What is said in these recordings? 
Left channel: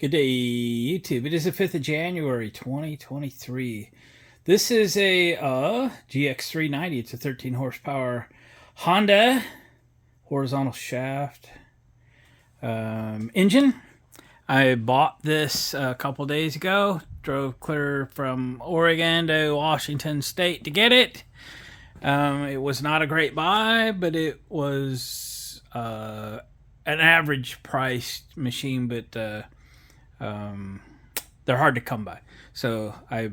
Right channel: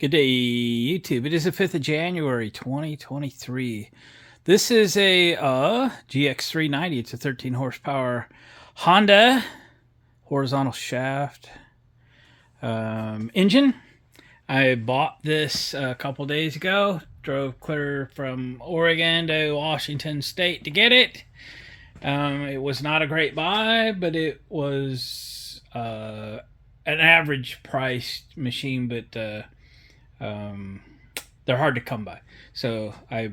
Good day, YouTube. It is the 5th of January, 2023. This is a GX390. It's a 13 horsepower Honda horizontal shaft engine. I bought this a couple days ago. Drove clear from Oregon to Washington State to get it. It was not a great buy, but it was an average priced machine, but they're hard to come by. So I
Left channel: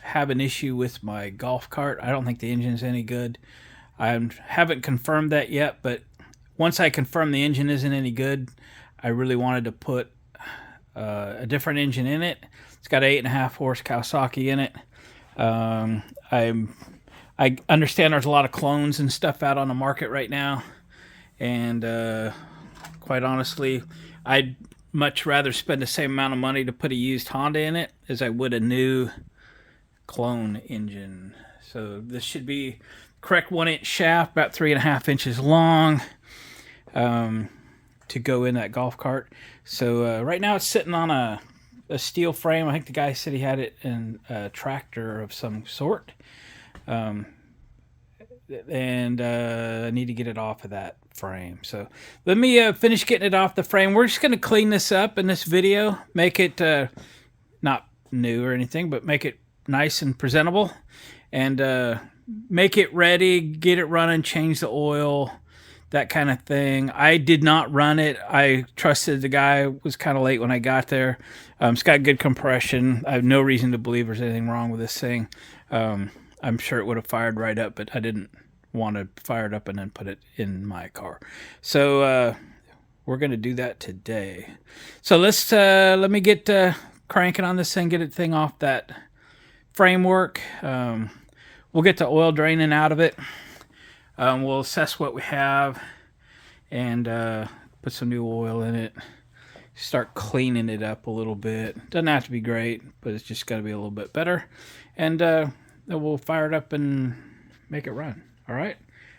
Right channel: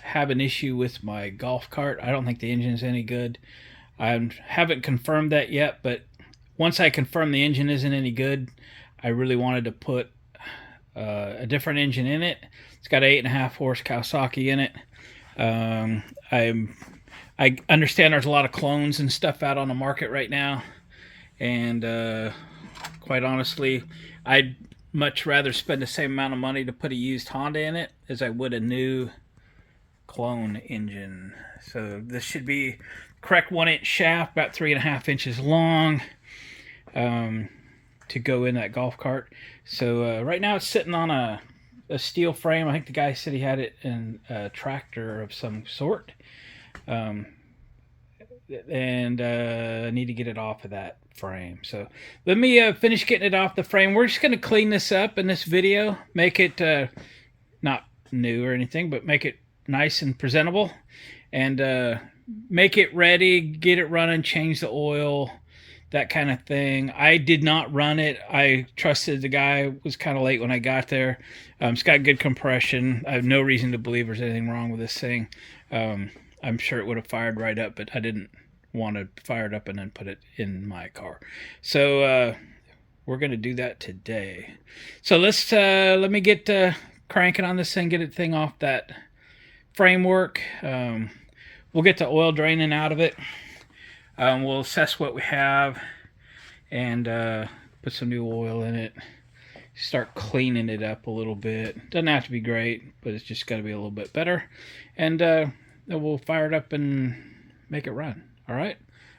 have an issue with my golf cart. I don't think the engine's any good. I haven't confirmed that yet, but once I confirm the engine isn't any good, I really wanted to put a different engine in it. It's got 8.5 horse Kawasaki in it. I understand there's a lot of clones and stuff out on the market right now, and quite honestly, I'd much rather spend the same amount of money to put a used Honda in it as I would a new clone engine. So this should be correct 1-inch shaft, about 3.5 inches long, to go in that golf cart. So right now it's sitting on a steel frame. I think the guy said he had it in a tractor of some sort. And I need to get it off of that frame. So let me finish getting it off the frame. We're just going to clean this up in this video, make it not new or anything, but make it nice and presentable, and make it ready, get it running, change the oil, that kind of thing. I did not run it. I trusted the guy. It was kind of late when I got there. It's got good compression. I have no reason to believe there's anything wrong with this thing. I'm sure it would have fired right up, but I didn't want to fire it up and then put it in my car. So we're going to do that today. So let me get cranking on this thing, get it thing off that framework. We'll get the oil draining out of it. We'll assess what we have and put some new oil in it. Start cleaning it up a little bit. Doesn't have to be great, but it's just got to be a little bit better. And then we'll fire it up and make it run. All right?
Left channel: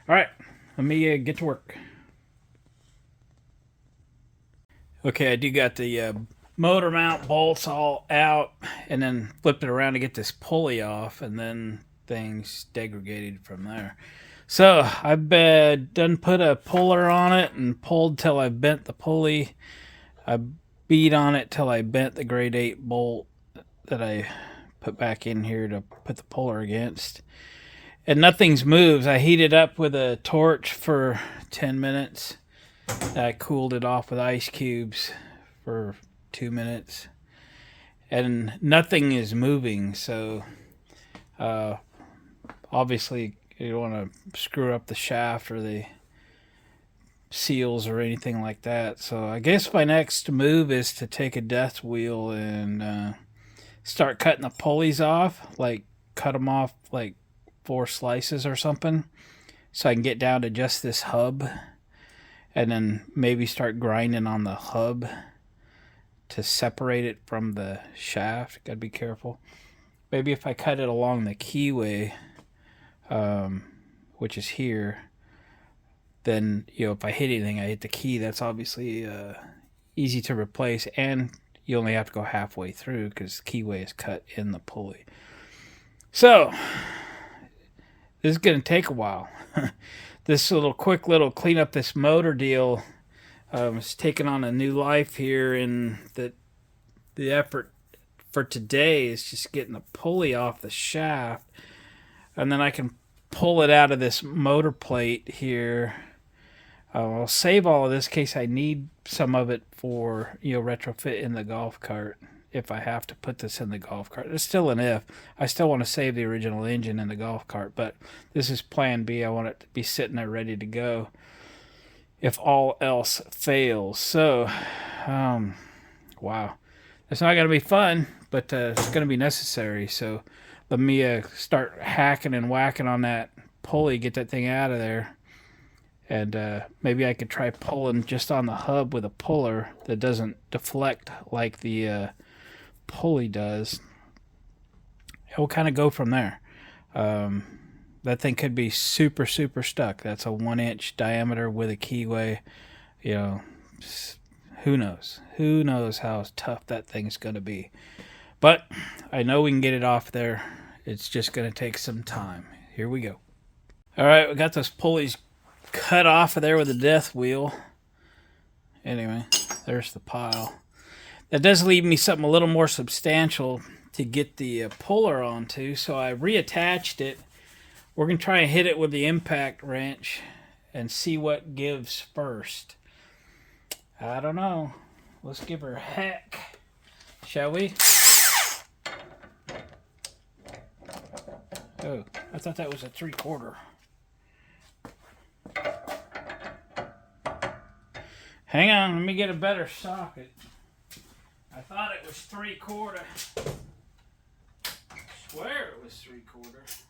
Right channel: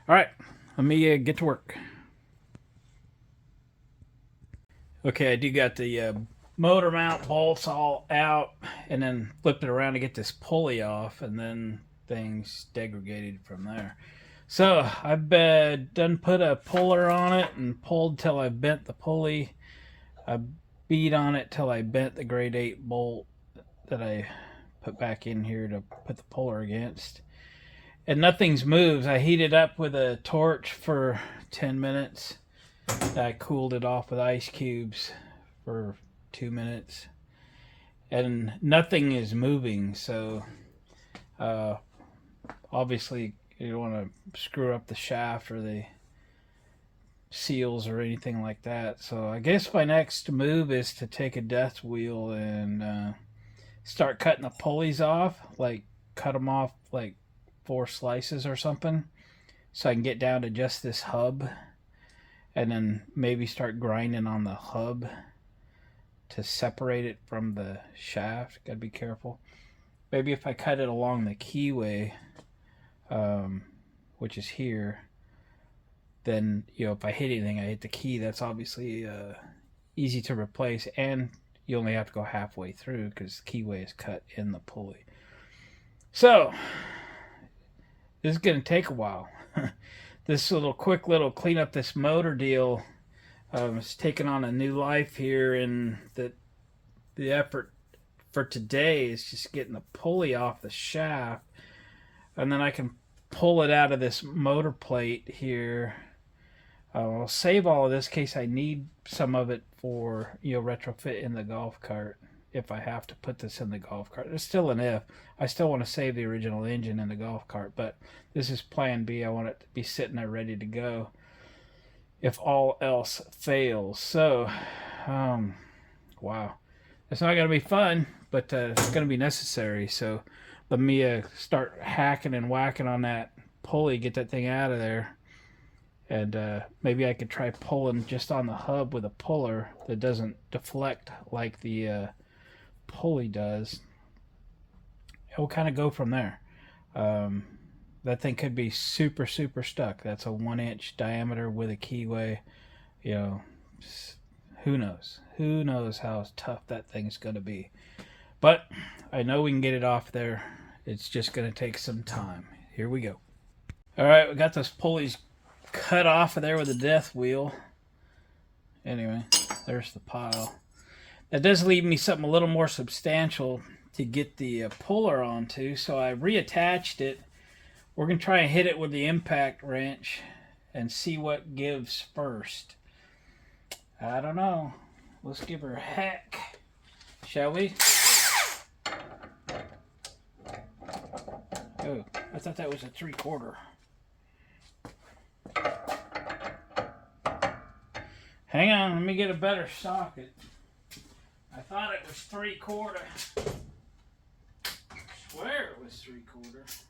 All right. Let me get to work. Okay, I do got the motor mount bolts all out, and then flipped it around to get this pulley off, and then things degraded from there. So I've done put a puller on it and pulled till I bent the pulley. I beat on it till I bent the grade 8 bolt that I put back in here to put the puller against. And nothing's moved. I heated up with a torch for 10 minutes. I cooled it off with ice cubes for 2 minutes. And nothing is moving, so obviously you don't want to screw up the shaft or the seals or anything like that. So I guess my next move is to take a death wheel and start cutting the pulleys off, like cut them off like 4 slices or something, so I can get down to just this hub, and then maybe start grinding on the hub to separate it from the shaft. Gotta be careful. Maybe if I cut it along the keyway, which is here, then if I hit anything, I hit the key. That's obviously easy to replace, and you only have to go halfway through because the keyway is cut in the pulley. So this is going to take a while. This quick little clean up this motor deal is taking on a new life here, and the effort for today is just getting the pulley off the shaft, and then I can pull it out of this motor plate here. I'll save all of this in case I need some of it for retrofit in the golf cart. If I have to put this in the golf cart, it's still an if. I still want to save the original engine in the golf cart, but this is plan B. I want it to be sitting there ready to go if all else fails. So wow, it's not going to be fun, but it's going to be necessary. So let me start hacking and whacking on that pulley, get that thing out of there. And maybe I could try pulling just on the hub with a puller that doesn't deflect like the pulley does. We'll kind of go from there. That thing could be super stuck. That's a 1-inch diameter with a keyway. who knows? Who knows how tough that thing's going to be. But I know we can get it off there. It's just going to take some time. Here we go. All right, we got those pulleys cut off of there with a death wheel. Anyway, there's the pile. That does leave me something a little more substantial to get the puller onto, so I reattached it. We're going to try and hit it with the impact wrench and see what gives first. I don't know. Let's give her a hack, shall we? Oh, I thought that was a 3/4. Hang on, let me get a better socket. I thought it was 3/4. I swear it was 3/4.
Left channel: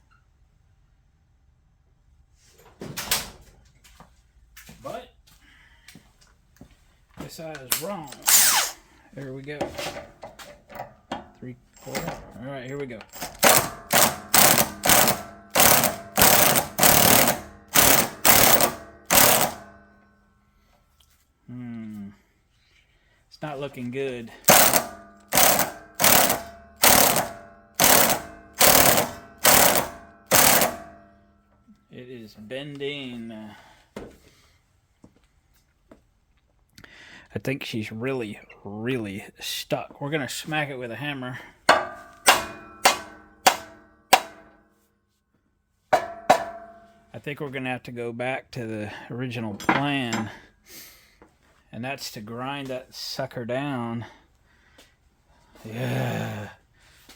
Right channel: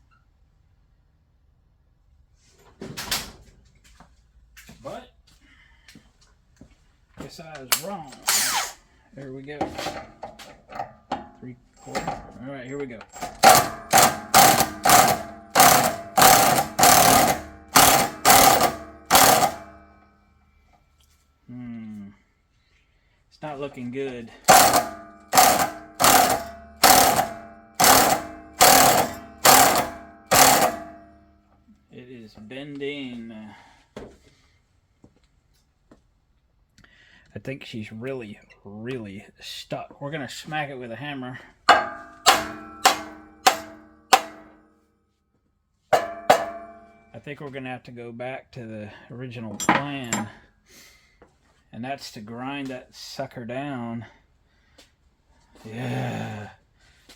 But guess I was wrong. There we go. 3/4. All right, here we go. It's not looking good. It is bending. I think she's really, really stuck. We're gonna smack it with a hammer. I think we're gonna have to go back to the original plan, and that's to grind that sucker down. Yeah,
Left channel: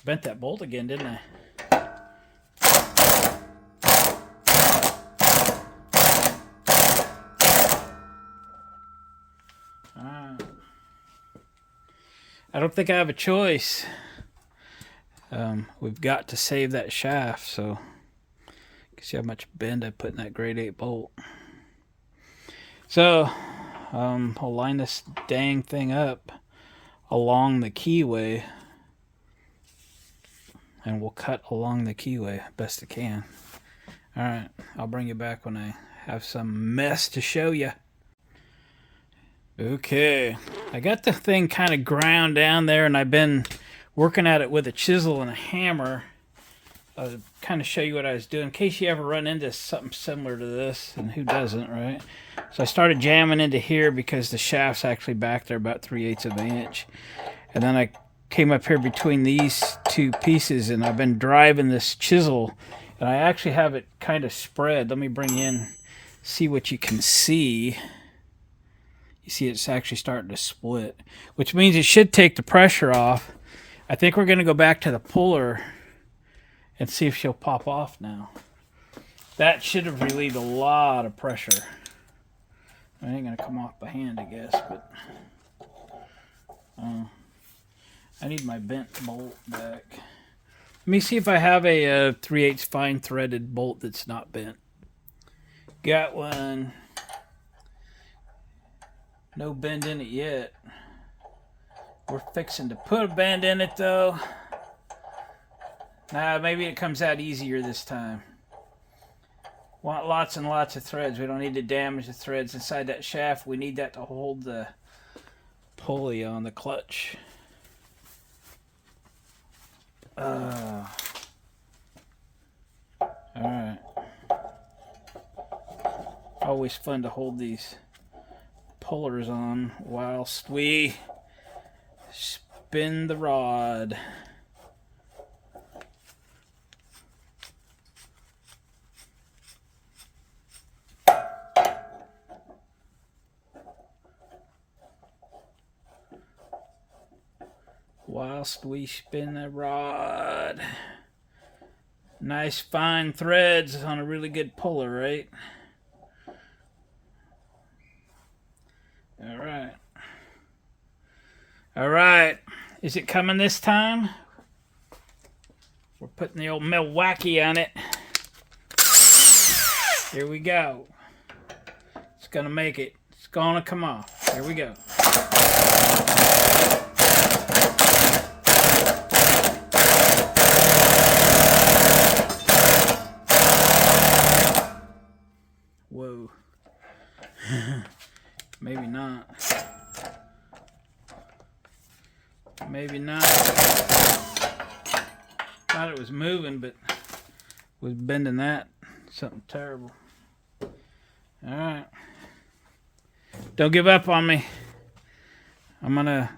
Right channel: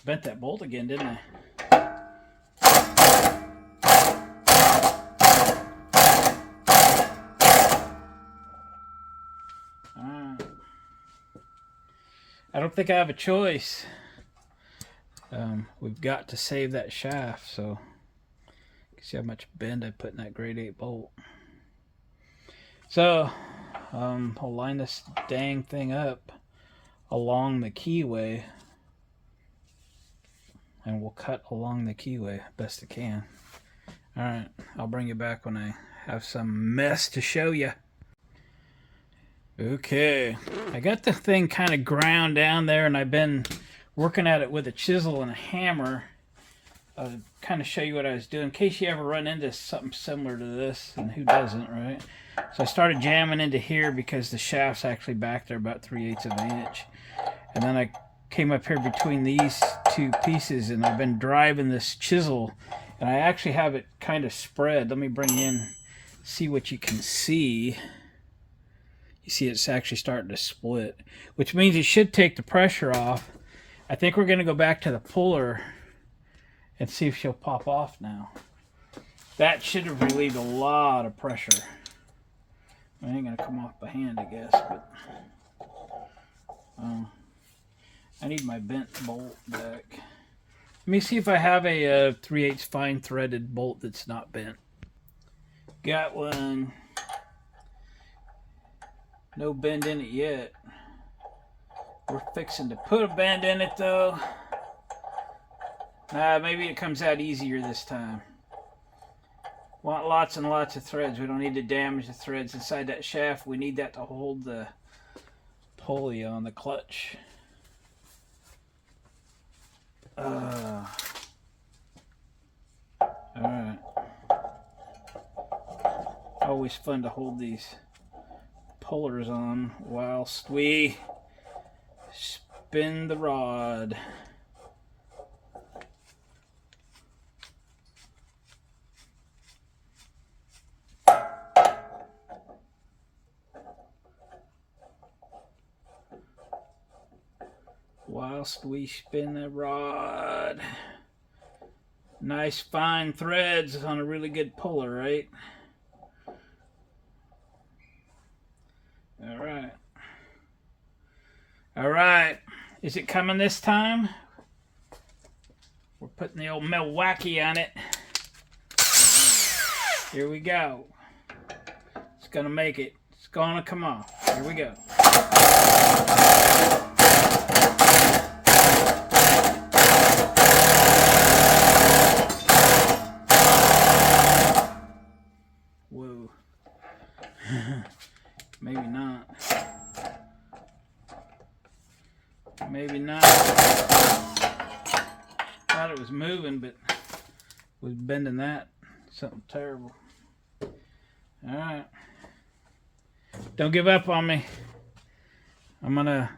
bent that bolt again, didn't I? I don't think I have a choice. We've got to save that shaft, so you can see how much bend I put in that grade 8 bolt. So I'll line this dang thing up along the keyway, and we'll cut along the keyway best I can. Alright, I'll bring you back when I have some mess to show you. Okay, I got the thing kind of ground down there, and I've been working at it with a chisel and a hammer. I'll kind of show you what I was doing in case you ever run into something similar to this, and who doesn't, right? So I started jamming into here because the shaft's actually back there about 3/8 of an inch. And then I came up here between these two pieces, and I've been driving this chisel, and I actually have it kind of spread. Let me bring you in, see what you can see. You see it's actually starting to split, which means it should take the pressure off. I think we're going to go back to the puller and see if she'll pop off now. That should have relieved a lot of pressure. It ain't going to come off by hand, I guess, but I need my bent bolt back. Let me see if I have a 3/8 fine threaded bolt that's not bent. Got one. No bend in it yet. We're fixing to put a bend in it though. Nah, maybe it comes out easier this time. Want lots and lots of threads. We don't need to damage the threads inside that shaft. We need that to hold the pulley on the clutch. Alright. Always fun to hold these pullers on whilst we spin the rod. Whilst we spin the rod. Nice fine threads on a really good puller, right? Alright. Alright. Is it coming this time? We're putting the old Milwaukee on it. Here we go. It's gonna make it. It's gonna come off. Here we go. Whoa. Maybe not. Maybe not. Thought it was moving, but was bending that. Something terrible. Alright. Don't give up on me. I'm gonna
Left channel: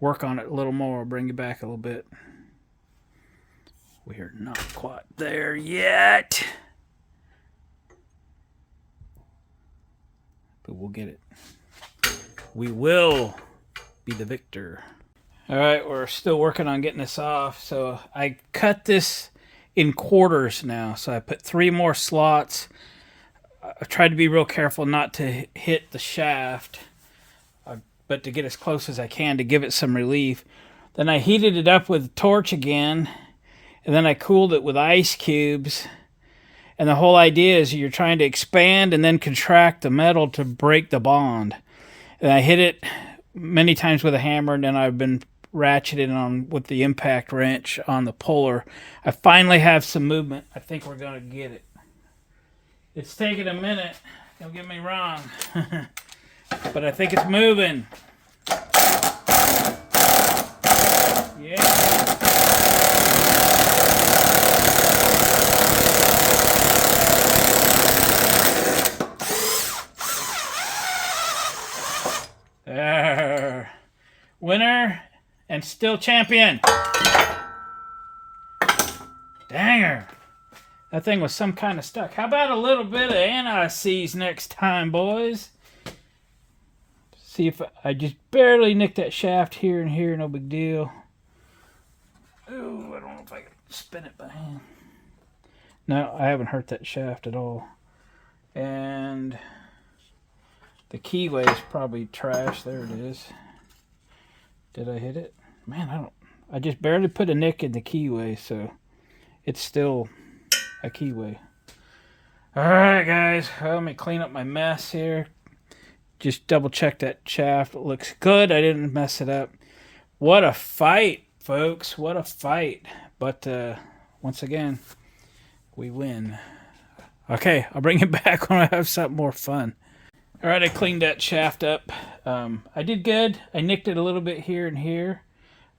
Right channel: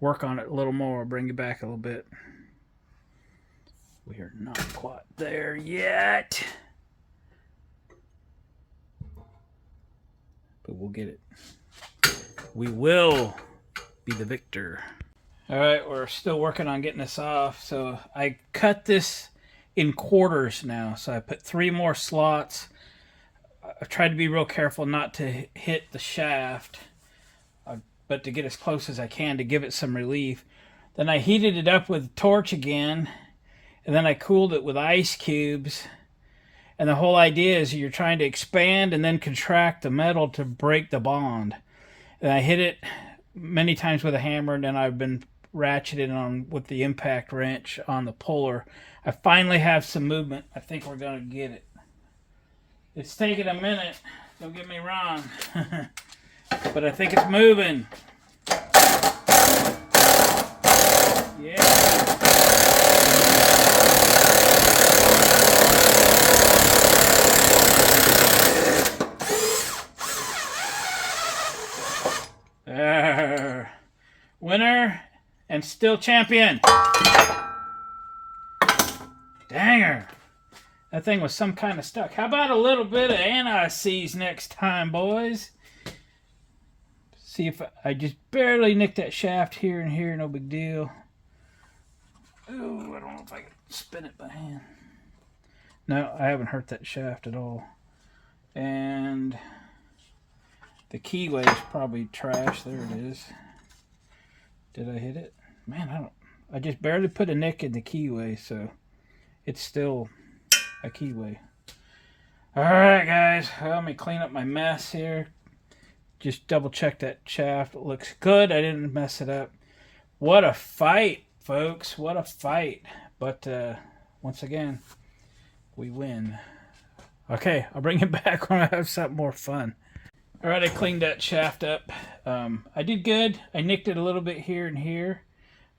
work on it a little more. I'll bring you back a little bit. We are not quite there yet. But we'll get it. We will be the victor. Alright, we're still working on getting this off. So I cut this in quarters now. So I put 3 more slots. I've tried to be real careful not to hit the shaft, but to get as close as I can to give it some relief. Then I heated it up with a torch again, and then I cooled it with ice cubes. And the whole idea is you're trying to expand and then contract the metal to break the bond. And I hit it many times with a hammer, and then I've been ratcheting on with the impact wrench on the puller. I finally have some movement. I think we're going to get it. It's taking a minute, don't get me wrong, but I think it's moving. Yeah. Winner and still champion. Danger. That thing was some kind of stuck. How about a little bit of anti-seize next time, boys? See if I just barely nicked that shaft here and here. No big deal. Ooh, I don't know if I can spin it by hand. No, I haven't hurt that shaft at all. And the keyway is probably trash. There it is. Did I hit it? Man, I just barely put a nick in the keyway, so it's still a keyway. Alright guys, well, let me clean up my mess here. Just double check that shaft. It looks good. I didn't mess it up. What a fight, folks. What a fight. But once again, we win. Okay, I'll bring it back when I have something more fun. Alright, I cleaned that shaft up. I did good. I nicked it a little bit here and here.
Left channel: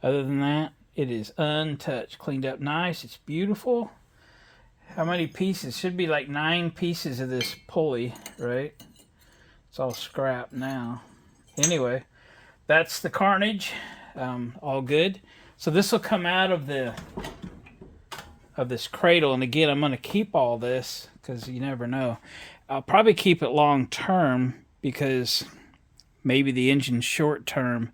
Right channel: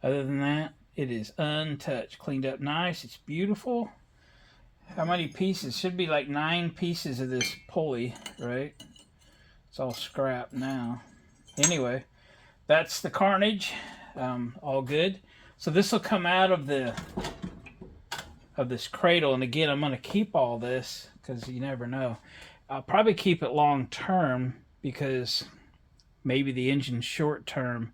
Other than that, it is untouched. Cleaned up nice. It's beautiful. How many pieces? Should be like 9 pieces of this pulley, right? It's all scrap now. Anyway, that's the carnage. All good. So this will come out of this cradle, and again, I'm going to keep all this because you never know. I'll probably keep it long term because maybe the engine's short term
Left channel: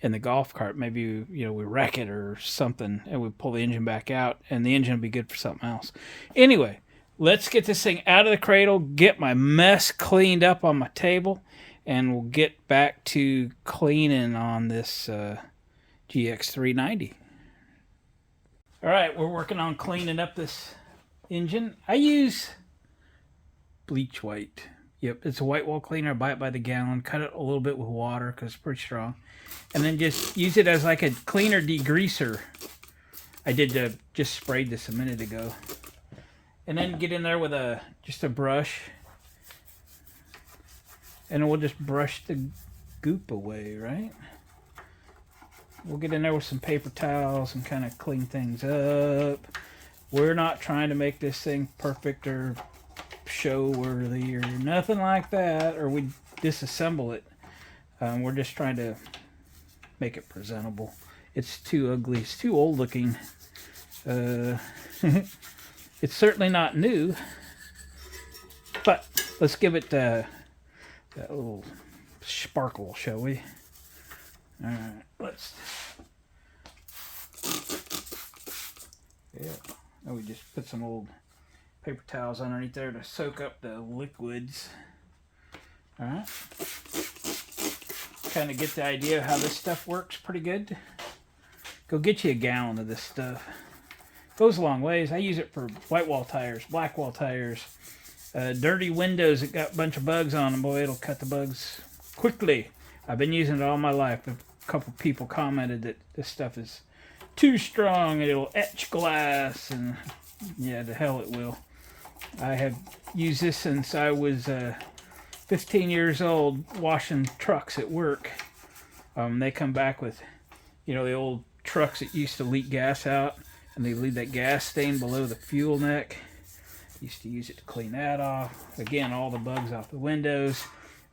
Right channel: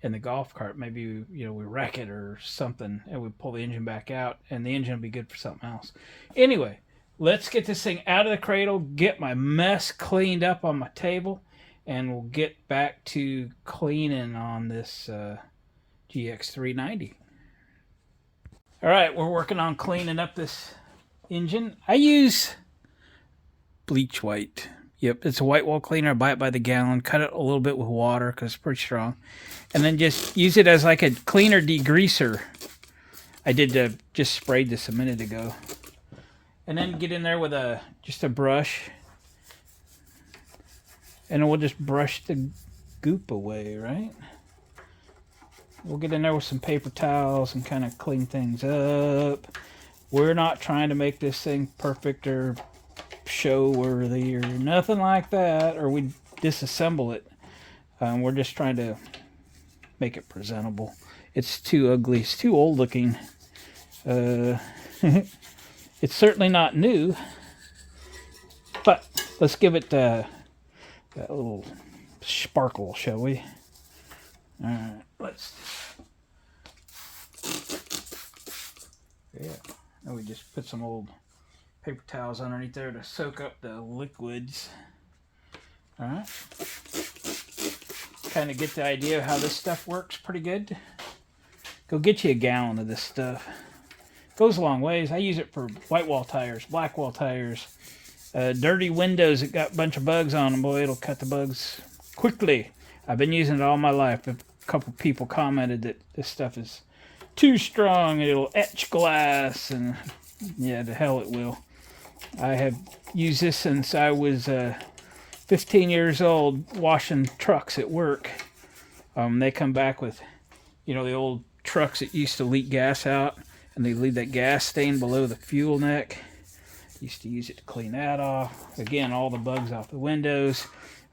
in the golf cart. Maybe we wreck it or something and we pull the engine back out, and the engine will be good for something else. Anyway, let's get this thing out of the cradle, get my mess cleaned up on my table, and we'll get back to cleaning on this GX390. All right, we're working on cleaning up this engine. I use bleach white. Yep, it's a white wall cleaner. I buy it by the gallon. Cut it a little bit with water because it's pretty strong. And then just use it as like a cleaner degreaser. I did just sprayed this a minute ago. And then get in there with just a brush. And then we'll just brush the goop away, right? We'll get in there with some paper towels and kind of clean things up. We're not trying to make this thing perfect or show worthy or nothing like that, or we disassemble it. We're just trying to make it presentable. It's too ugly. It's too old looking. It's certainly not new, but let's give it that little sparkle, shall we? All right, let's. Yeah, now we just put some old paper towels underneath there to soak up the liquids. All right. Kind of get the idea of how this stuff works pretty good. Go get you a gallon of this stuff. Goes a long ways. I use it for white wall tires, black wall tires, dirty windows that got a bunch of bugs on them. Boy, it'll cut the bugs quickly. I've been using it all my life. A couple people commented that this stuff is too strong and it'll etch glass, and yeah, the hell it will. I have used this since I was 15 years old washing trucks at work. They come back with You know, the old trucks that used to leak gas out, and they leave that gas stain below the fuel neck. Used to use it to clean that off. Again, all the bugs off the windows,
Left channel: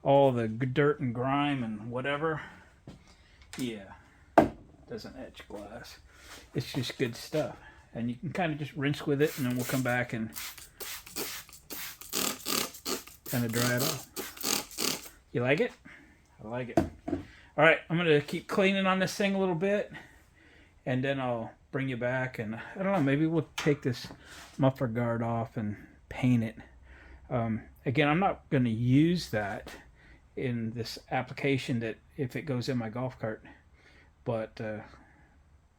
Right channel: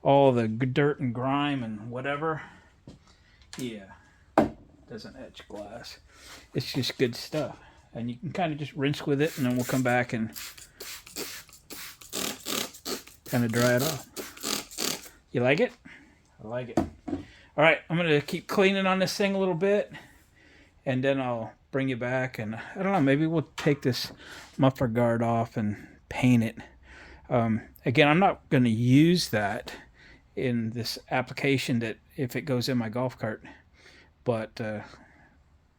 all the dirt and grime and whatever. Yeah, doesn't etch glass. It's just good stuff. And you can kind of just rinse with it, and then we'll come back and kind of dry it off. You like it? I like it. All right, I'm going to keep cleaning on this thing a little bit, and then I'll bring you back. And I don't know, maybe we'll take this muffler guard off and paint it. Again, I'm not going to use that in this application that if it goes in my golf cart, but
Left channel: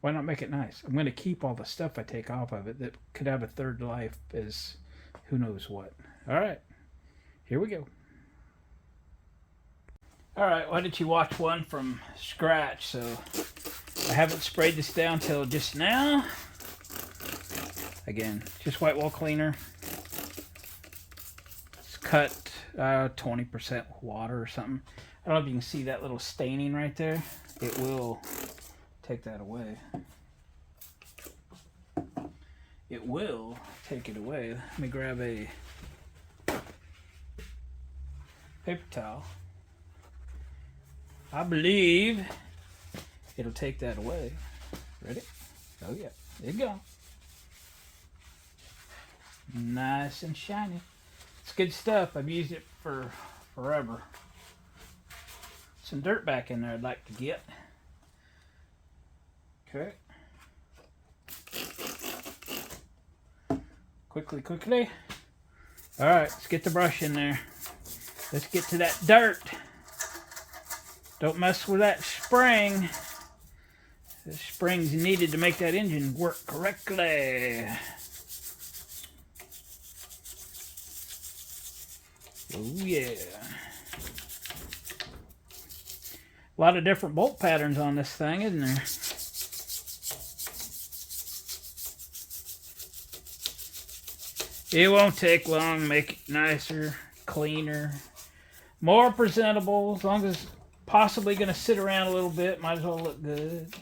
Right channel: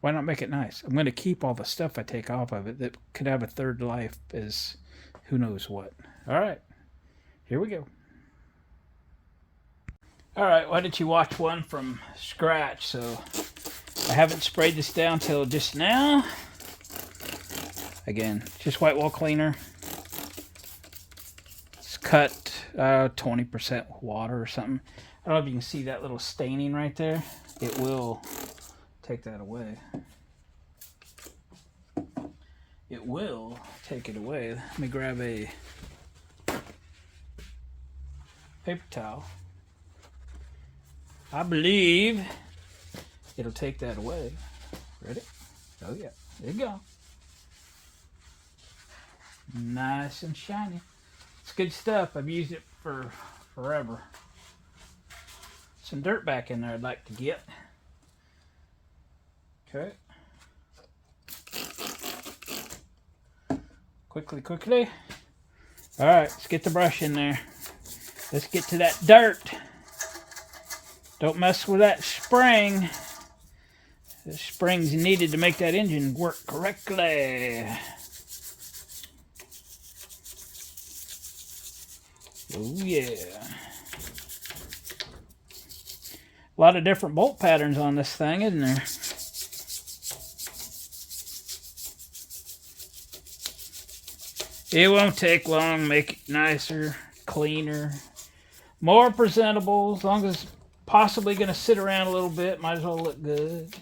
why not make it nice? I'm going to keep all the stuff I take off of it that could have a third life as who knows what. All right, here we go. All right, why did you watch one from scratch? So I haven't sprayed this down till just now. Again, just white wall cleaner. It's cut 20% water or something. I don't know if you can see that little staining right there. It will take that away. It will take it away. Let me grab a paper towel. I believe it'll take that away. Ready? Oh yeah, there you go. Nice and shiny. It's good stuff. I've used it for forever. Some dirt back in there I'd like to get. Okay. Quickly. All right, let's get the brush in there. Let's get to that dirt. Don't mess with that spring. The spring's needed to make that engine work correctly. Oh yeah. A lot of different bolt patterns on this thing, isn't there? It won't take long, make it nicer, cleaner, more presentable, as long as it's possibly going to sit around a little bit, might as well look good.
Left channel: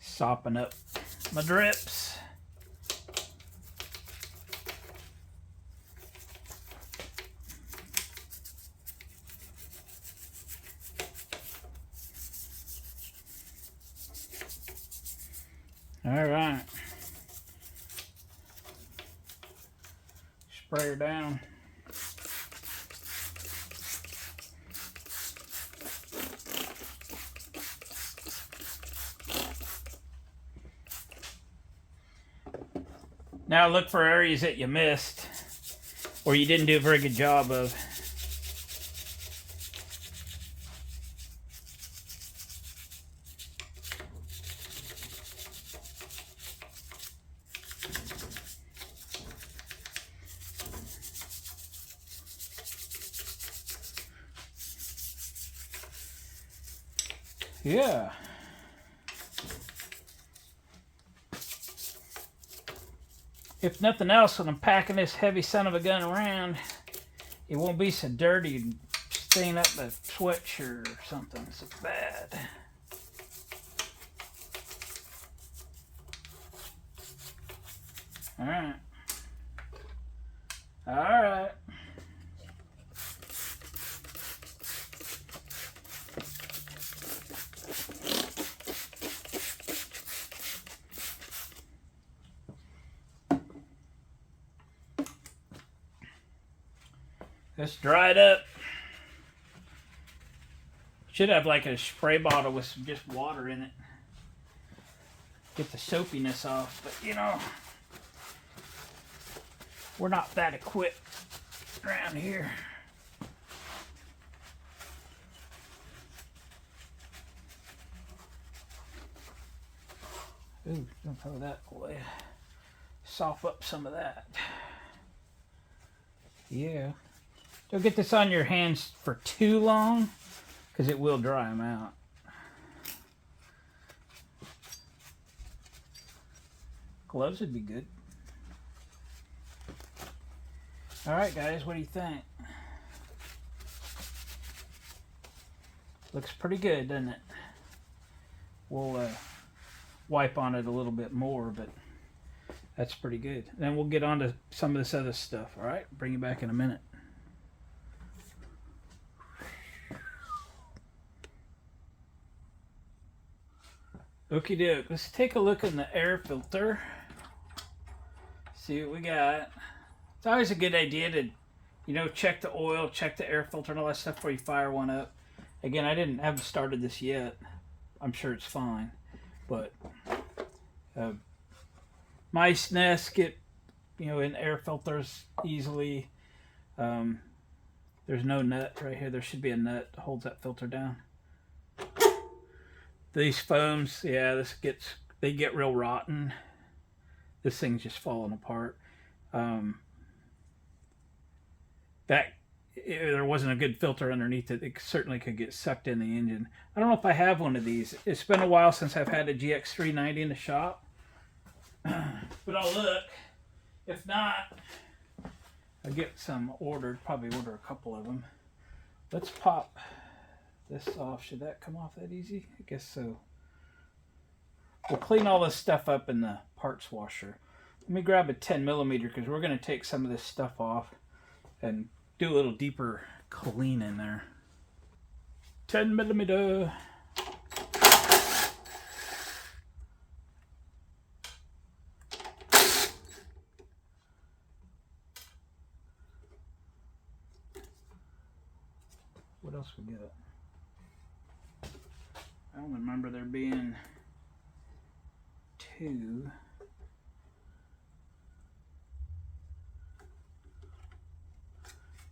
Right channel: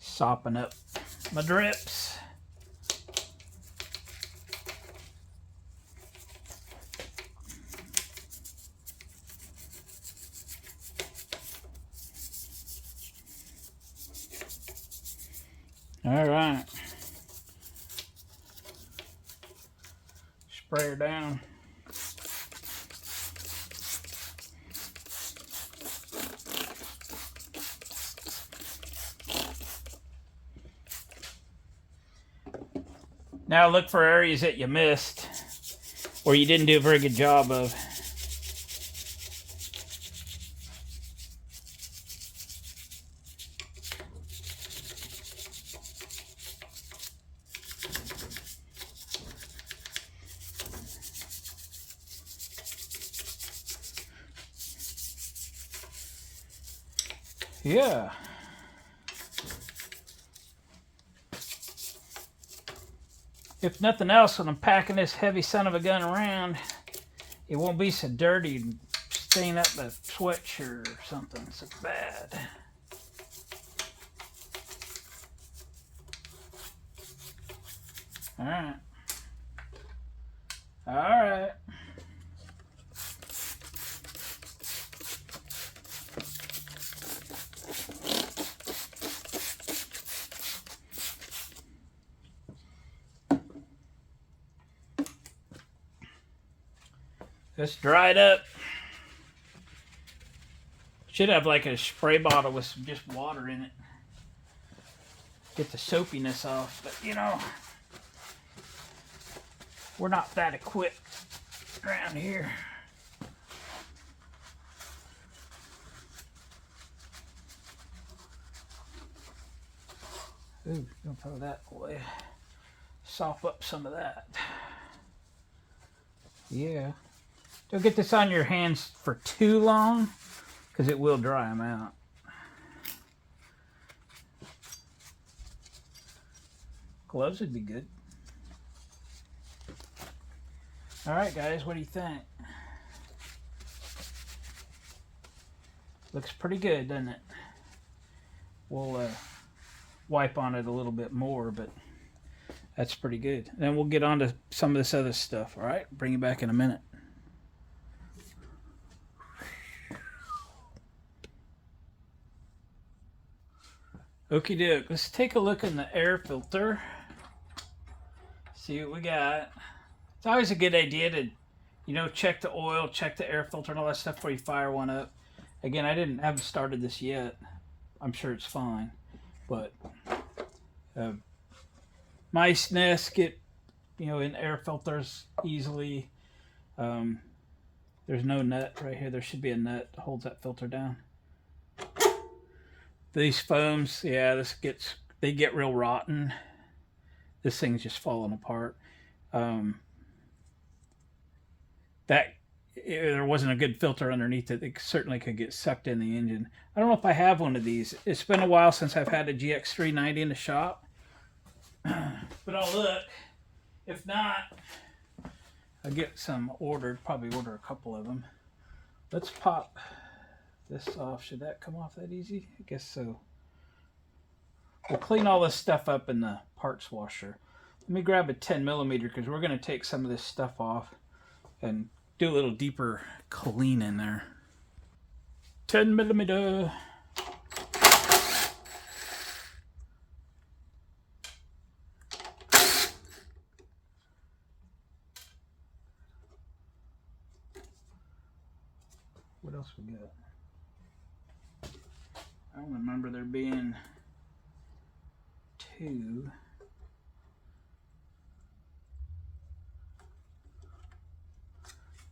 Sopping up my drips. All right. Spray her down. Now look for areas that you missed or you didn't do a very good job of. Yeah. If nothing else, when I'm packing this heavy son of a gun around, it won't be so dirty and stain up the sweatshirt or something so bad. Alright. Alright. Let's dry it up. Should have like a spray bottle with some just water in it. Get the soapiness off, but you know, we're not that equipped around here. Ooh, don't throw that away. Soften up some of that. Yeah. Don't get this on your hands for too long, because it will dry them out. Gloves would be good. Alright guys, what do you think? Looks pretty good, doesn't it? We'll wipe on it a little bit more, but that's pretty good. And then we'll get on to some of this other stuff, alright? Bring you back in a minute. Okie doke, let's take a look in the air filter. See what we got. It's always a good idea to, you know, check the oil, check the air filter and all that stuff before you fire one up. Again, I haven't started this yet. I'm sure it's fine. But mice nests get, you know, in air filters easily. There's no nut right here. There should be a nut that holds that filter down. These foams, yeah, they get real rotten. This thing's just falling apart. There wasn't a good filter underneath it. It certainly could get sucked in the engine. I don't know if I have one of these. It's been a while since I've had a GX390 in the shop. But I'll look. If not, I'll get some ordered. Probably order a couple of them. Let's pop this off. Should that come off that easy? I guess so. We'll clean all this stuff up in the parts washer. Let me grab a 10mm because we're going to take some of this stuff off and do a little deeper clean in there. 10mm. What else we got? I don't remember there being two.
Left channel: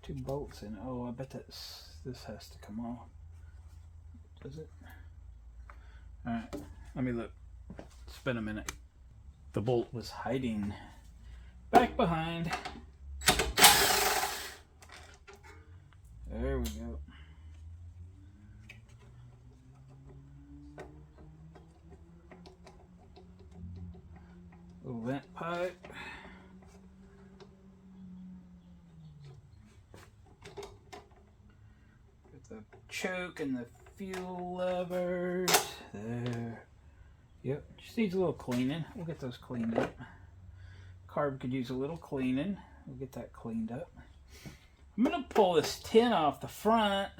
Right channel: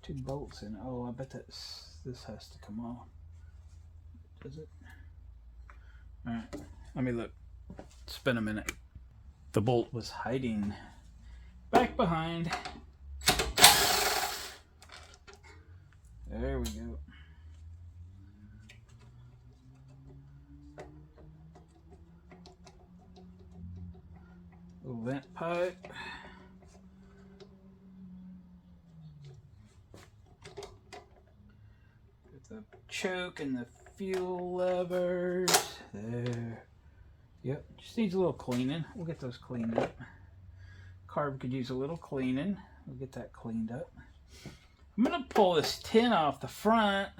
Two bolts in it. Oh, I bet this has to come off. Does it? Alright, let me look. It's been a minute. The bolt was hiding back behind. There we go. Little vent pipe. The choke and the fuel levers there. Yep, just needs a little cleaning. We'll get those cleaned up. Carb could use a little cleaning. We'll get that cleaned up. I'm gonna pull this tin off the front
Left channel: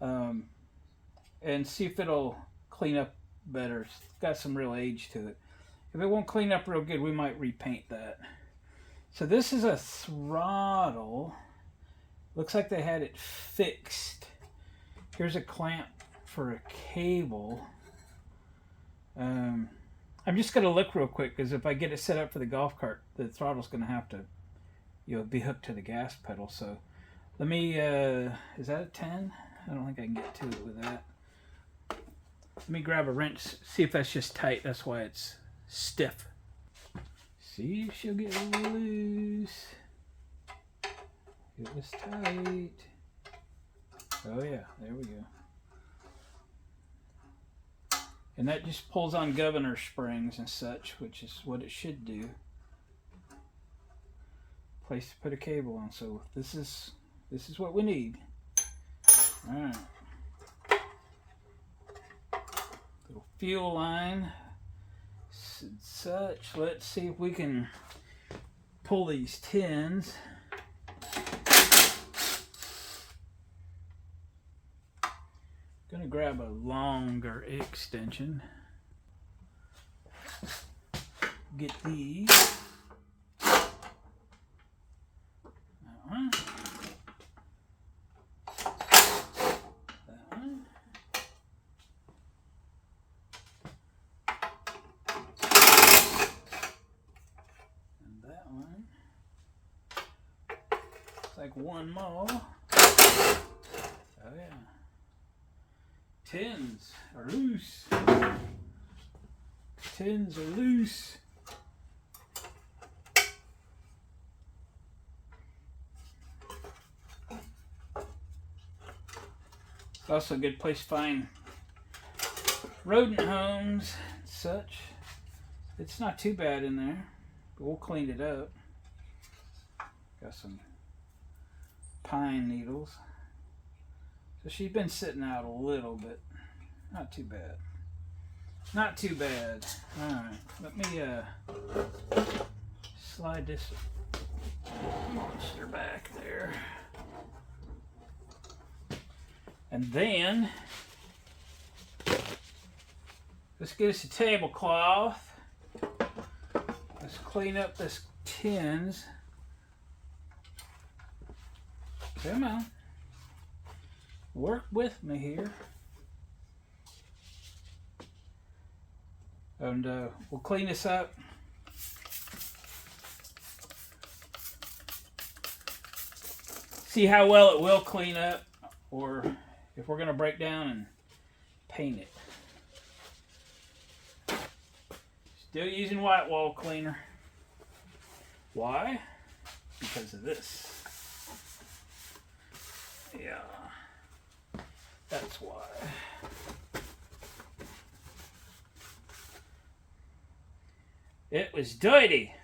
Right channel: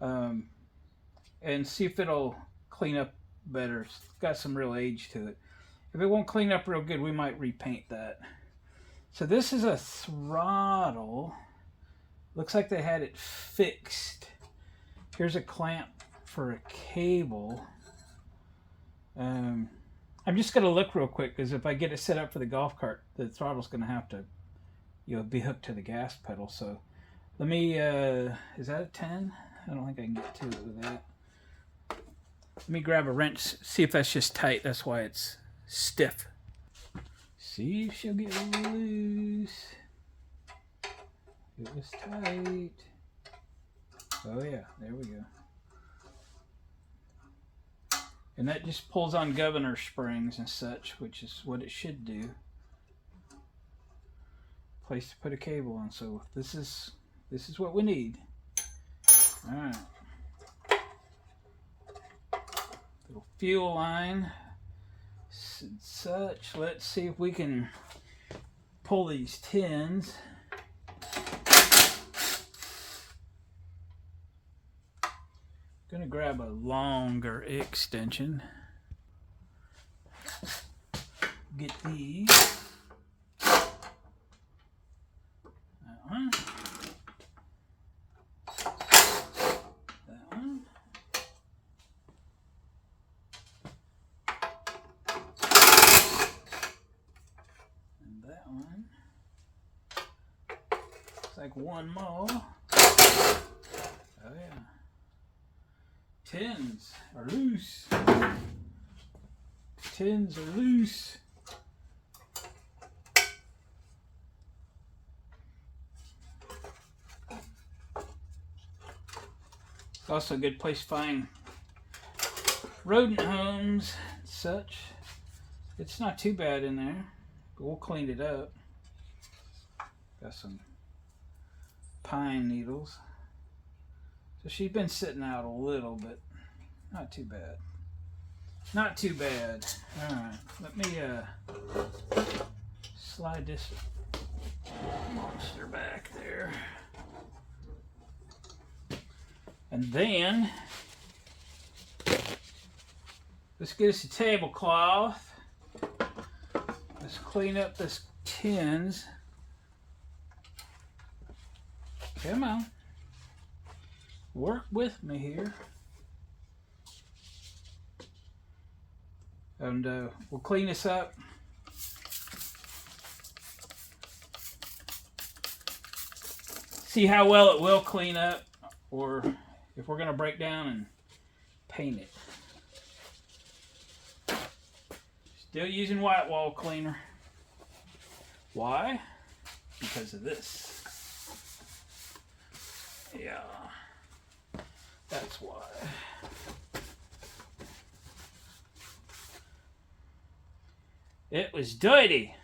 and see if it'll clean up better. It's got some real age to it. If it won't clean up real good, we might repaint that. So this is a throttle. Looks like they had it fixed. Here's a clamp for a cable. I'm just going to look real quick because if I get it set up for the golf cart, the throttle's going to have to, you know, be hooked to the gas pedal. So let me, is that a 10? I don't think I can get to it with that. Let me grab a wrench, see if that's just tight. That's why it's stiff. See if she'll get loose. It was tight. Oh yeah, there we go. And that just pulls on governor springs and such, which is what it should do. Place to put a cable on. So this is what we need. All right. Little fuel line. Such. Let's see if we can pull these tins. Gonna grab a longer extension. Get these. That one. That one. And that one. It's like one more. Oh yeah. Tins are loose. Tins are loose. It's also a good place to find rodent homes and such. It's not too bad in there, but we'll clean it up. Got some pine needles. So she's been sitting out a little, but not too bad. Not too bad. Alright, let me slide this monster back there. And then let's get us a tablecloth. Let's clean up this tins. Come on. Work with me here. And we'll clean this up. See how well it will clean up, or if we're going to break down and paint it. Still using white wall cleaner. Why? Because of this. Yeah. That's why. It was dirty.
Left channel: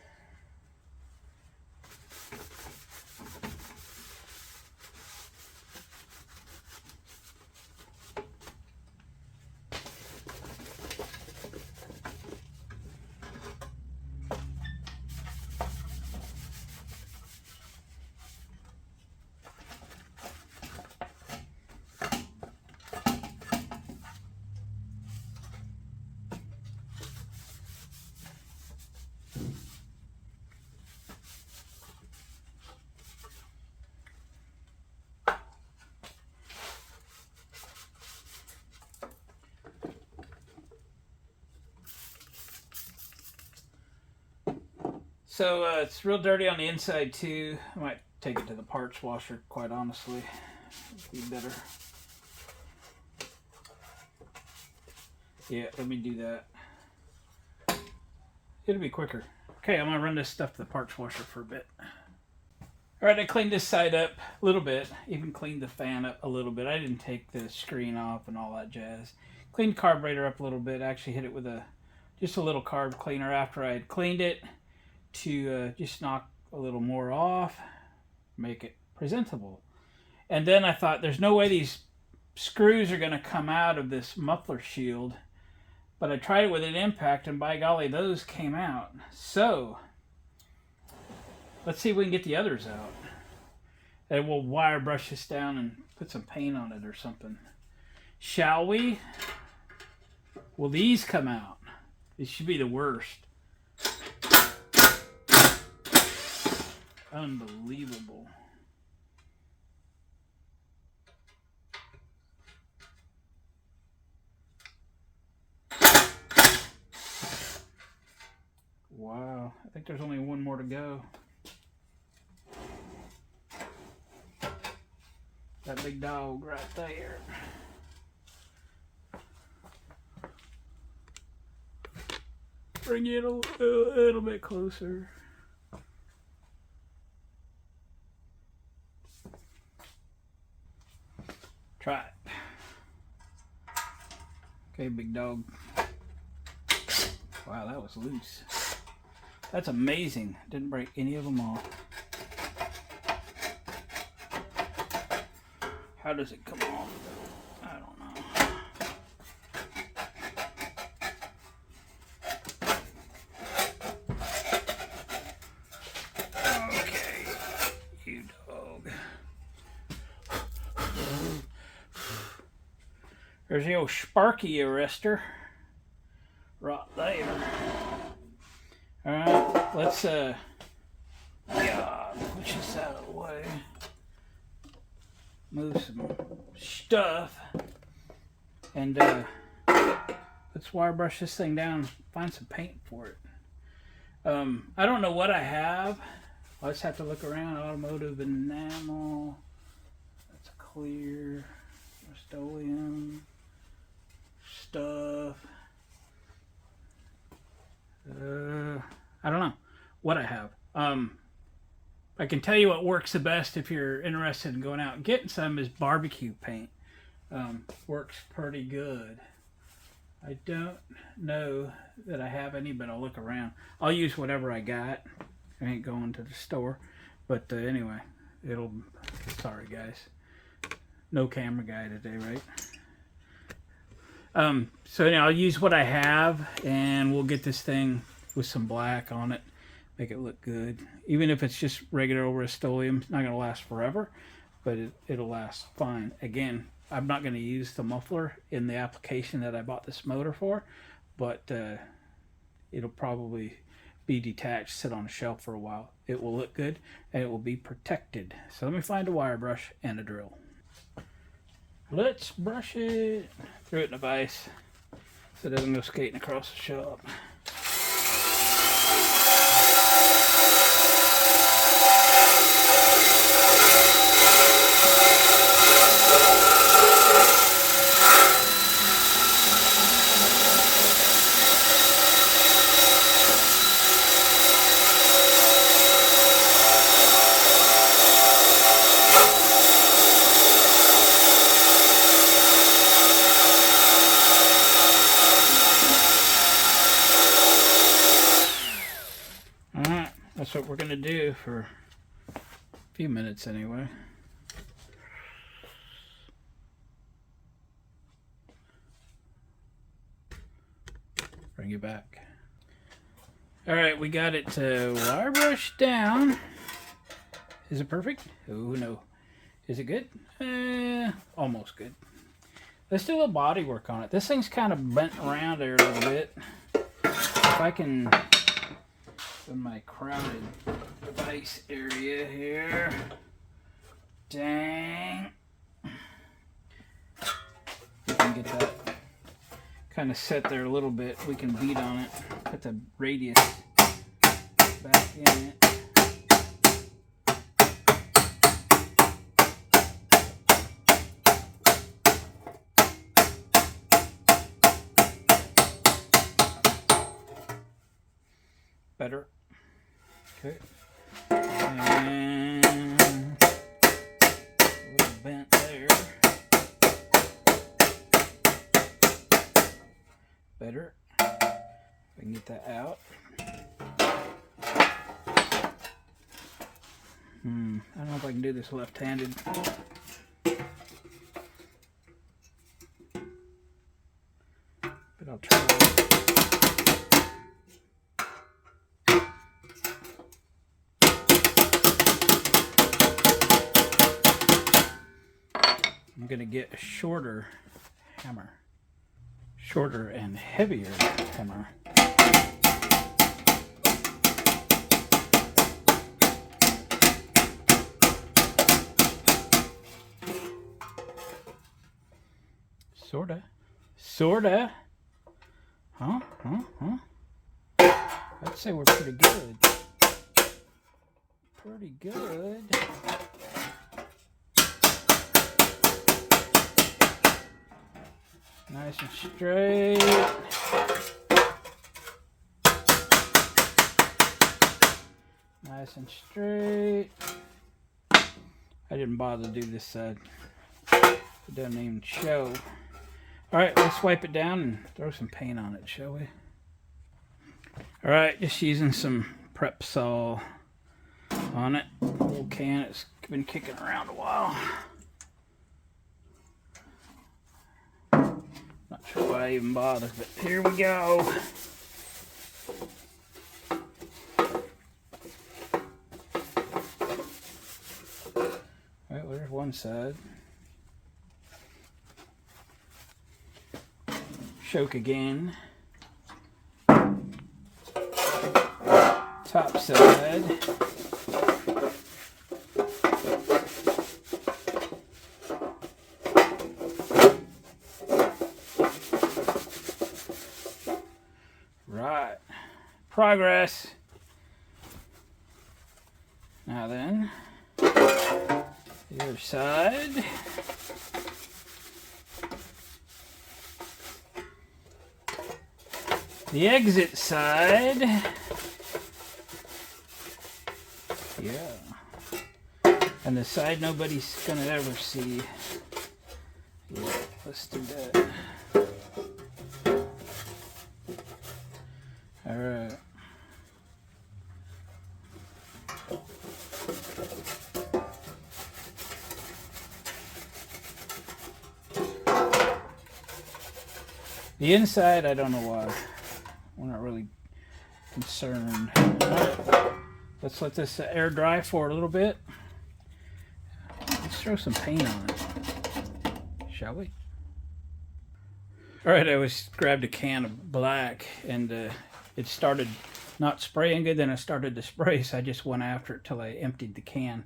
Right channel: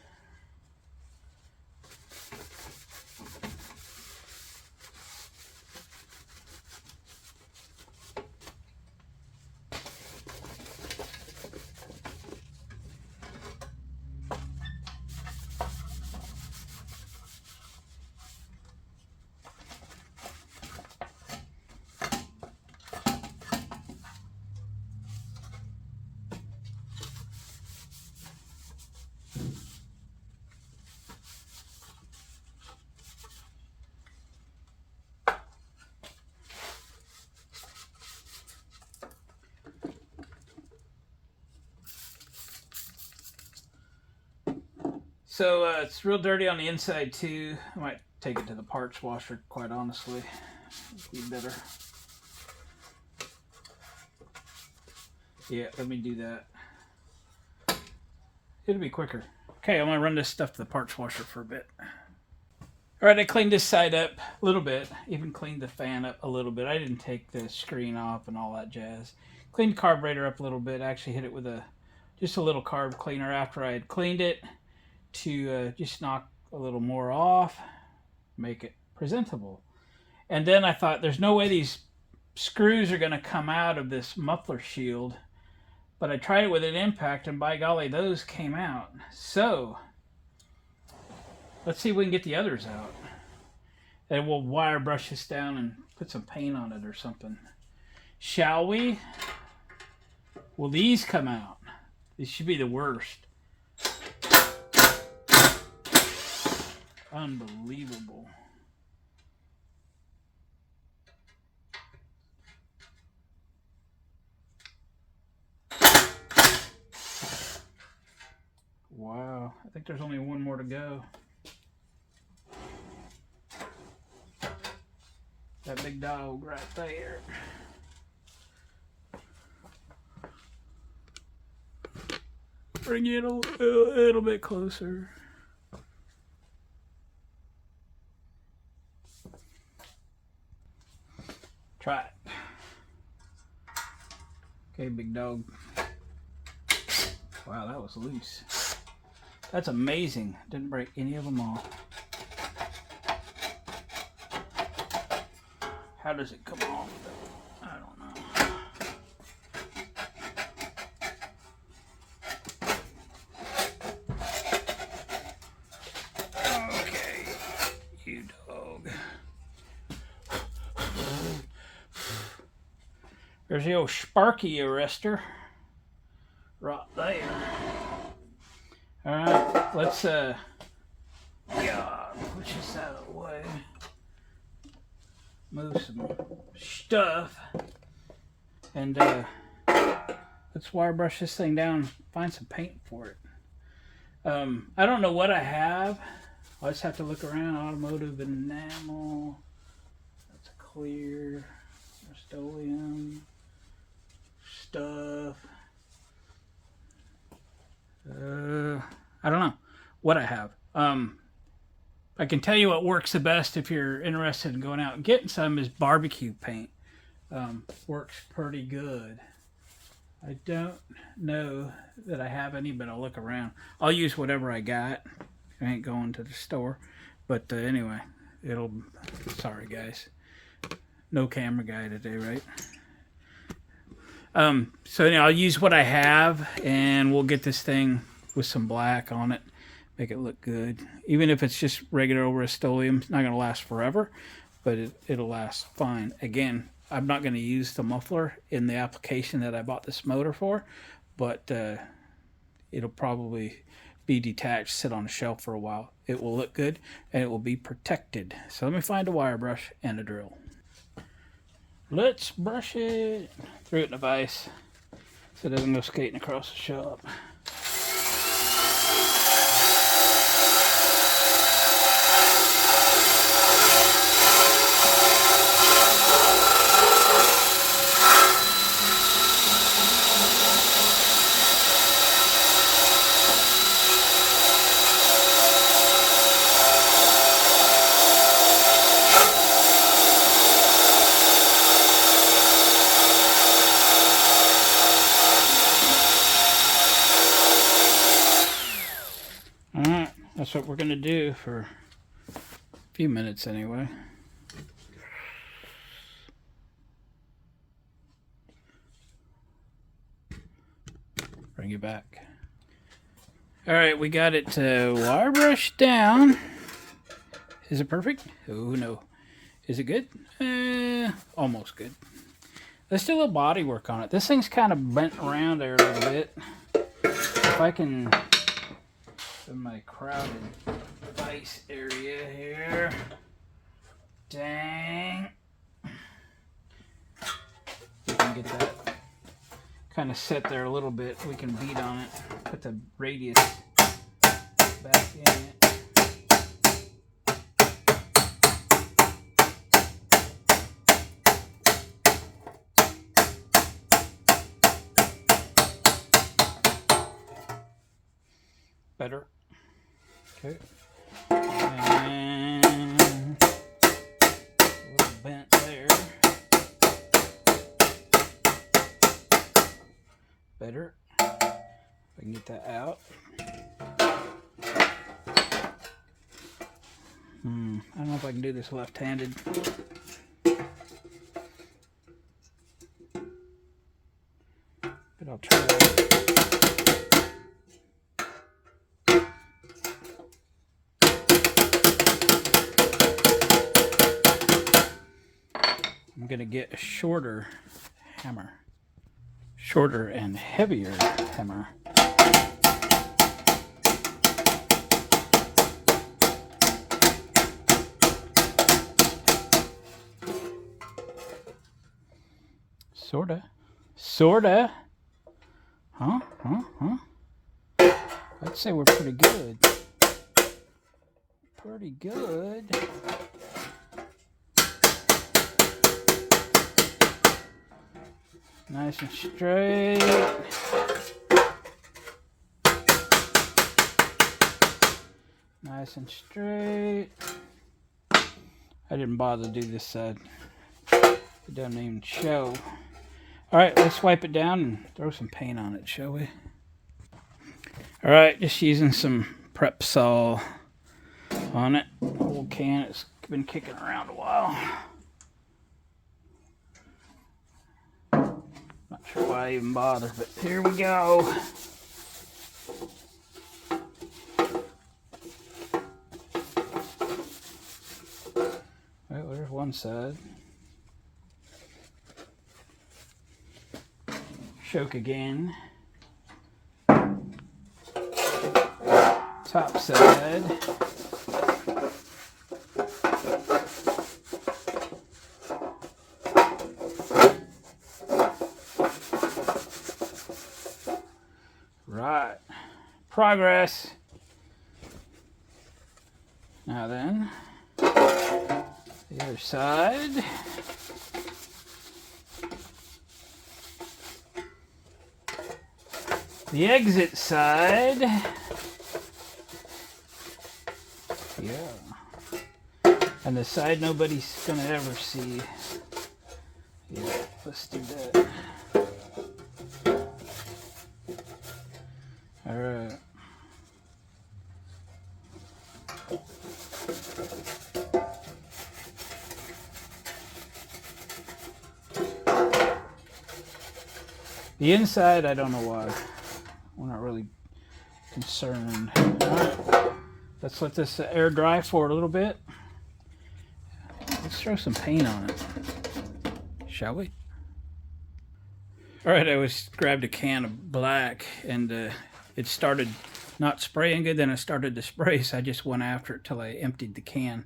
So it's real dirty on the inside too. I might take it to the parts washer, quite honestly. It'd be better. Yeah, let me do that. It'll be quicker. Okay, I'm gonna run this stuff to the parts washer for a bit. Alright, I cleaned this side up a little bit. Even cleaned the fan up a little bit. I didn't take the screen off and all that jazz. Cleaned the carburetor up a little bit. I actually hit it with just a little carb cleaner after I had cleaned it, to just knock a little more off, make it presentable. And then I thought, there's no way these screws are going to come out of this muffler shield. But I tried it with an impact, and by golly, those came out. So let's see if we can get the others out. And we'll wire brush this down and put some paint on it or something. Shall we? Will these come out? These should be the worst. Unbelievable. Wow, I think there's only one more to go. That big dog right there. Bring it a little bit closer. Try it. Okay, big dog. Wow, that was loose. That's amazing. Didn't break any of them off. How does it come off? I don't know. Okay, you dog. There's the old Sparky arrestor right there. Alright, let's push this out of the way. Move some stuff. And let's wire brush this thing down, find some paint for it. I don't know what I have. I'll just have to look around. Automotive enamel. That's clear. Rust-Oleum stuff. I don't know what I have. I can tell you what works the best if you're interested in going out and getting some is barbecue paint. works pretty good. I don't know that I have any, but I'll look around. I'll use whatever I got. I ain't going to the store. But anyway, sorry guys. No camera guy today, right? So I'll use what I have, and we'll get this thing with some black on it. Make it look good. Even if it's just regular old Rust-Oleum, it's not going to last forever, but it'll last fine. Again, I'm not going to use the muffler in the application that I bought this motor for, but it'll probably be detached, sit on a shelf for a while. It will look good, and it will be protected. So let me find a wire brush and a drill. Let's brush it. Threw it in the vise so it doesn't go skating across the shop. That's what we're going to do for a few minutes anyway. Bring it back. Alright, we got it wire brush down. Is it perfect? Oh no. Is it good? Almost good. Let's do a little body work on it. This thing's kind of bent around there a little bit. If I can... in my crowded vise area here. Dang. We can get that kind of set there a little bit. We can beat on it. Put the radius back in it. Better. Okay. And a little bent there. Better. We can get that out. I don't know if I can do this left-handed. But I'll try. I'm going to get a shorter hammer. Shorter and heavier hammer. Sorta. Sorta. Huh? I'd say we're pretty good. Pretty good. Nice and straight. Nice and straight. I didn't bother to do this side. It doesn't even show. Alright, let's wipe it down and throw some paint on it, shall we? Alright, just using some prep sol on it. Old can, it's been kicking around a while. Not sure why I even bother, but here we go. Well, there's one side. Choke again. Top side. Right. Progress. Now then, the other side. The exit side. Yeah. And the side nobody's gonna ever see. Yeah, let's do that. All right. The inside, I don't know why. We're not really concerned. All right. Let's let this air dry for a little bit. Let's throw some paint on it, shall we? All right, I grabbed a can of black, and it started not spraying good. Then it started to spray, so I just went after it till I emptied the can.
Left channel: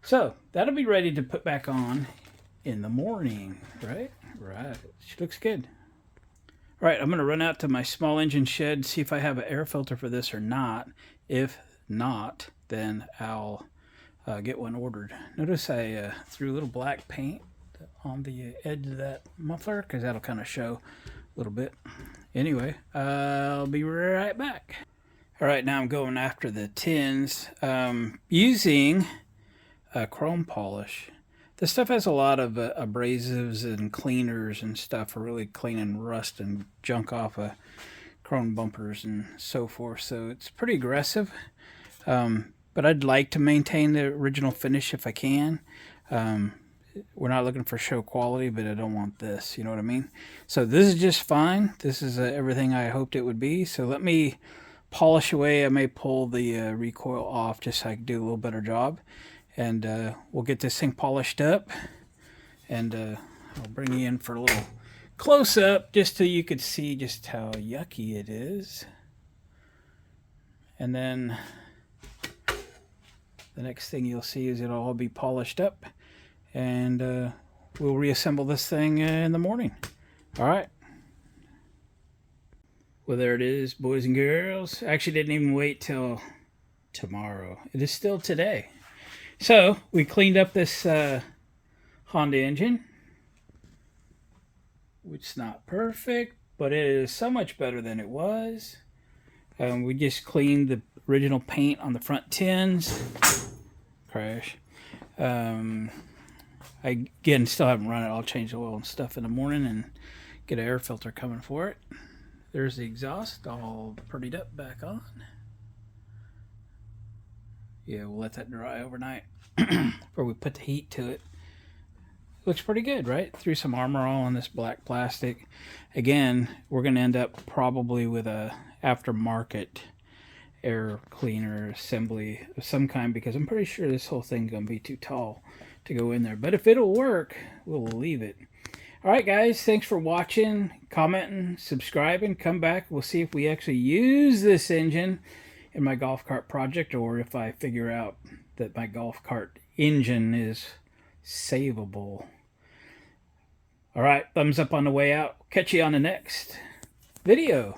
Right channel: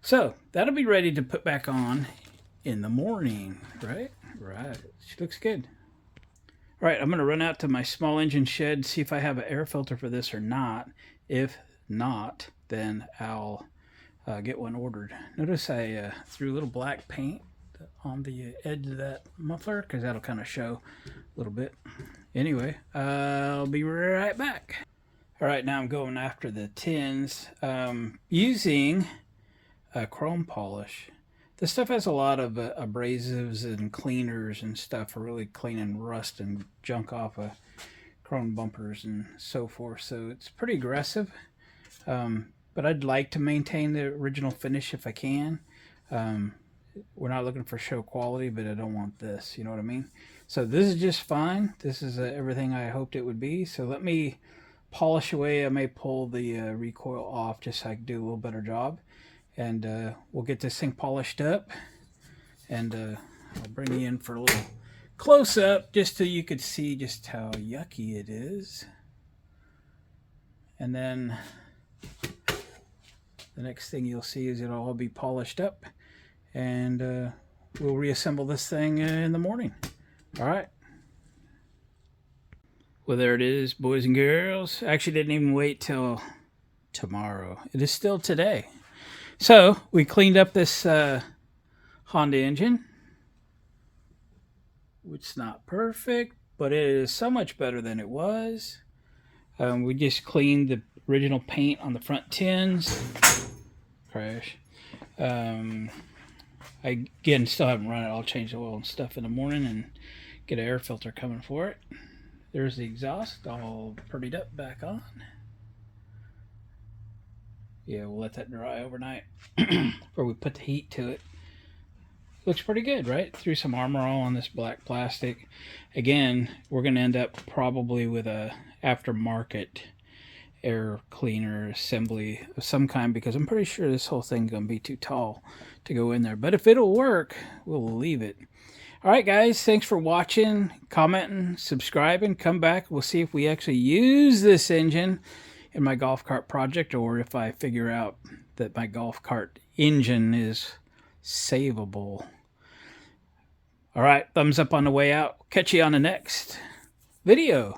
So that'll be ready to put back on in the morning, right? Right. She looks good. All right, I'm going to run out to my small engine shed, see if I have an air filter for this or not. If not, then I'll get one ordered. Notice I threw a little black paint on the edge of that muffler because that'll kind of show a little bit. Anyway, I'll be right back. All right, now I'm going after the tins using chrome polish. This stuff has a lot of abrasives and cleaners and stuff for really cleaning rust and junk off of chrome bumpers and so forth. So it's pretty aggressive, but I'd like to maintain the original finish if I can. We're not looking for show quality, but I don't want this, you know what I mean? So this is just fine. This is everything I hoped it would be. So let me polish away. I may pull the recoil off just so I can do a little better job. And we'll get this thing polished up, and I'll bring you in for a little close-up just so you could see just how yucky it is. And then the next thing you'll see is it'll all be polished up, and we'll reassemble this thing in the morning. All right. Well, there it is, boys and girls. Actually didn't even wait till tomorrow. It is still today. So we cleaned up this Honda engine, which is not perfect, but it is so much better than it was. We just cleaned the original paint on the front tins. Crash. I again still haven't run it. I'll change the oil and stuff in the morning and get an air filter coming for it. There's the exhaust all prettied up back on. Yeah, we'll let that dry overnight before we put the heat to it. Looks pretty good, right? Threw some armor all on this black plastic. Again, we're going to end up probably with a aftermarket air cleaner assembly of some kind, because I'm pretty sure this whole thing's going to be too tall to go in there. But if it'll work, we'll leave it. All right, guys, thanks for watching, commenting, subscribing. Come back. We'll see if we actually use this engine in my golf cart project, or if I figure out that my golf cart engine is savable. All right, thumbs up on the way out. Catch you on the next video.